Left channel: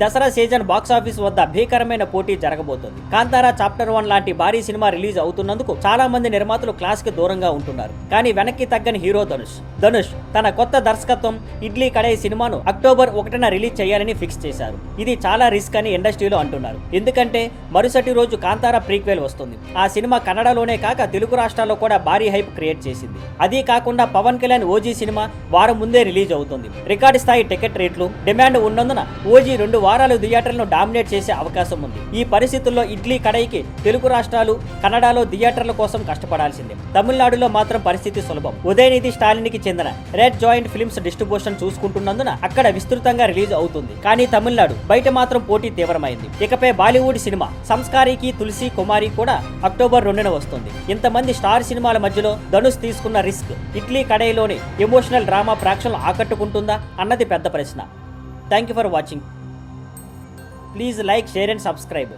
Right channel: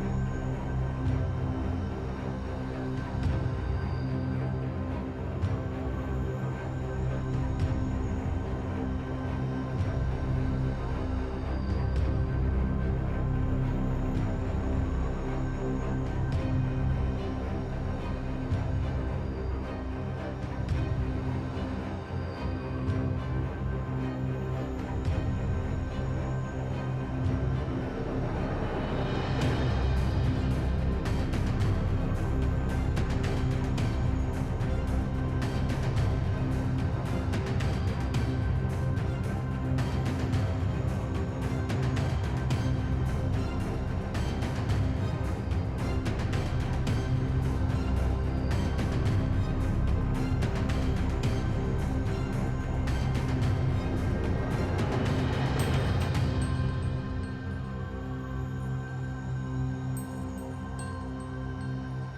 Dasara season box office వద్ద భీకరమైన పోటీ జరగబోతుంది. కాంతారా చాప్టర్ 1 లాంటి భారీ సినిమా రిలీజ్ అవుతున్నందుకు చాలా మంది నిర్మాతలు క్లాస్ కి దూరంగా ఉంటున్నారు. కానీ వెనక్కి తగ్గని హీరో ధనుష్ తన కొత్త దర్శకత్వం ఇడ్లీ కడాయి సినిమాను అక్టోబర్ 1న రిలీజ్ చేయాలని ఫిక్స్ చేశారు. ఇది చాలా రిస్క్ అని ఇండస్ట్రీలో అంటున్నారు. ఎందుకంటే మరుసటి రోజు కాంతారా ప్రీక్వెల్ వస్తుంది. ఆ సినిమా కన్నడలోనే కాక తెలుగు రాష్ట్రాల్లో కూడా భారీ హైప్ క్రియేట్ చేసింది. అదీ కాకుండా పవన్ కళ్యాణ్ ఓజీ సినిమా వారం ముందే రిలీజ్ అవుతుంది. రికార్డు స్థాయి టికెట్ రేట్లు, డిమాండ్ ఉన్నందున ఓజీ 2 వారాలు థియేటర్లను డామినేట్ చేసే అవకాశం ఉంది. ఈ పరిస్థితుల్లో ఇడ్లీ కడాయికి తెలుగు రాష్ట్రాలు, కన్నడలో థియేటర్ల కోసం కష్టపడాల్సిందే. తమిళనాడులో మాత్రం పరిస్థితి సులభం. ఉదయనిధి స్టాలిన్కి చెందిన రెడ్ జాయింట్ ఫిల్మ్స్ డిస్ట్రిబ్యూషన్ చూసుకుంటున్నందున అక్కడ విస్తృతంగా రిలీజ్ అవుతుంది. కానీ తమిళనాడు బయట మాత్రం పోటీ తీవ్రమైంది. ఇకపై బాలీవుడ్ సినిమా సంస్కారికి తులసి కుమారి కూడా అక్టోబర్ 2న వస్తుంది. ఇంతమంది స్టార్ సినిమాల మధ్యలో ధనుష్ తీసుకున్న రిస్క్ ఇడ్లీ కడాయిలోని ఎమోషనల్ డ్రామా ప్రేక్షకులను ఆకట్టుకుంటుందా అన్నది పెద్ద ప్రశ్న. Thank you for watching. Please like, share and subscribe.